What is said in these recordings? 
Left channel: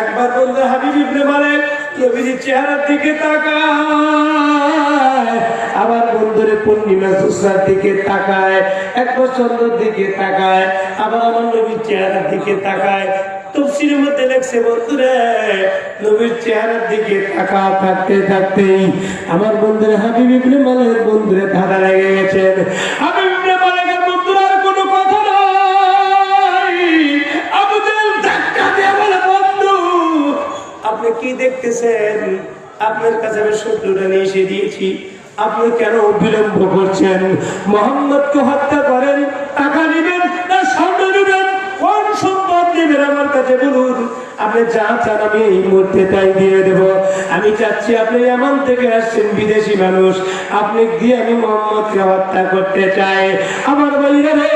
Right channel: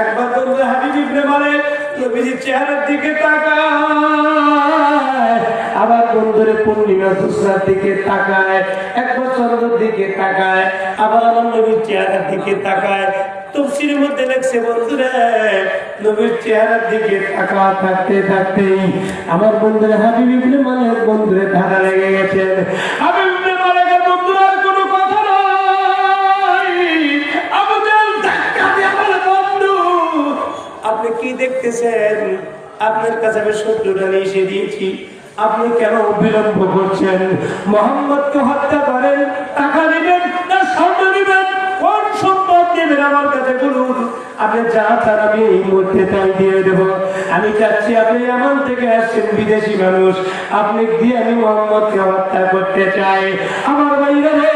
একবার বন্ধু হাবিব ইবনে মালিক নবীজির চেহারার দিকে তাকায়, আবার বন্ধুরে পূর্ণিমা জোছনার দিকে তাকায়, একবার চন্দ্রের দিকে তাকায়, আবার আমার নবীর চেহারার দিকে তাকায়। তাফসীরের মধ্যে লেখছে বন্ধুরে নবীর চেহারার দিকে তাকা থাকতে থাকতেই আমার বন্ধুরে হাবিব ইবনে মালিক বন্ধুরে ধারা লেগে গেছেন। হাবিব ইবনে মালিকের বন্ধুরা কোনো কথা নাই। আবু জাহল ধাক্কা দিয়ে বলে, বন্ধু আপনি কি দেখতেছেন? আপনার কাছে আমি শত্রুরা নিয়ে এসে দিয়েছি, আপনি কেন বিলম্ব করছেন? মোহাম্মদকে হত্যা করেন, টাকা নেবেন না স্বর্ণ নেবেন, কোন সম্পদ নেবেন আমার কাছে বলুন, আপনি যা চান আমি এই মুহূর্তে তাই দিয়ে দেব। আমি চাচ্ছি আপনি ইয়ামান থেকে আসছেন, বিদেশি মানুষ, আপনি দিয়ে আমি মোহাম্মদকে হত্যা করতে চাই। আমার ভাইরা রে,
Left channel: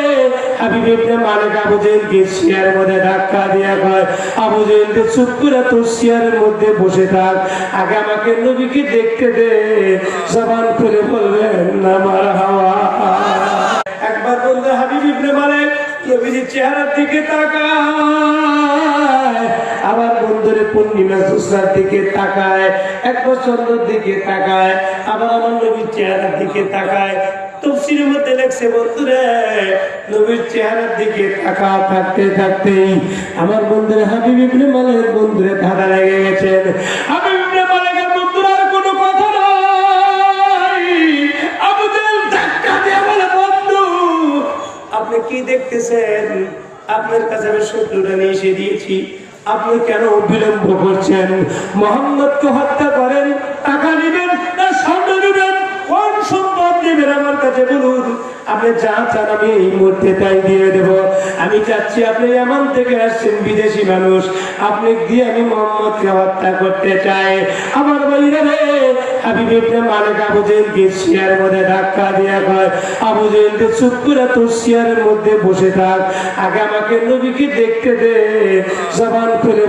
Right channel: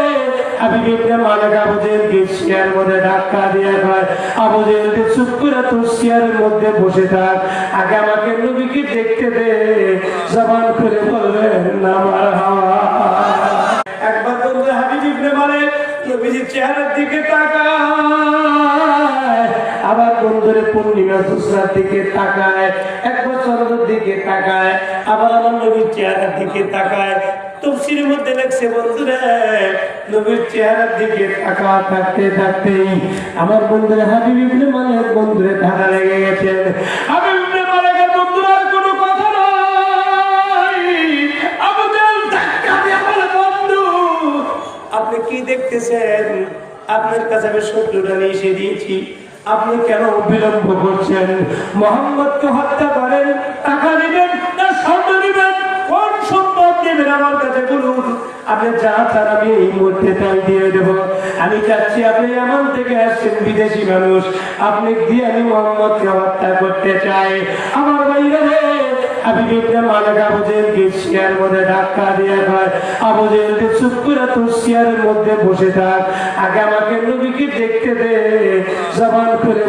হাবিব ইবনে মালিক আবু জাহলকে চেয়ারের মধ্যে ধাক্কা দিয়ে কয়, আবু জাহল চুপ করে তোর চেয়ারের মধ্যে বসে থাক, আগে আমাকে নবীকে দেখতে দে, জবান করে বলবেন না মারহাবা। একবার বন্ধু হাবিব ইবনে মালিক নবীজির চেহারার দিকে তাকায়, আবার বন্ধুরে পূর্ণিমা জোছনার দিকে তাকায়, একবার চন্দ্রের দিকে তাকায়, আবার আমার নবীর চেহারার দিকে তাকায়। তাফসীরের মধ্যে লেখছে বন্ধুরে নবীর চেহারার দিকে তাকা থাকতে থাকতেই আমার বন্ধুরে হাবিব ইবনে মালিক বন্ধুরে ধারা লেগে গেছেন। হাবিব ইবনে মালিকের বন্ধুরা কোনো কথা নাই। আবু জাহল ধাক্কা দিয়ে বলে, বন্ধু আপনি কি দেখতেছেন? আপনার কাছে আমি শত্রুরা নিয়ে এসে দিয়েছি, আপনি কেন বিলম্ব করছেন? মোহাম্মদকে হত্যা করেন, টাকা নেবেন না স্বর্ণ নেবেন, কোন সম্পদ নেবেন আমার কাছে বলুন, আপনি যা চান আমি এই মুহূর্তে তাই দিয়ে দেব। আমি চাচ্ছি আপনি ইয়ামান থেকে আসছেন, বিদেশি মানুষ, আপনি দিয়ে আমি মোহাম্মদকে হত্যা করতে চাই। আমার ভাইরা রে, হাবিব ইবনে মালিক আবু জাহলকে চেয়ারের মধ্যে ধাক্কা দিয়ে কয়, আবু জাহল চুপ করে তোর চেয়ারের মধ্যে বসে থাক, আগে আমাকে নবীকে দেখতে দে, জবান করে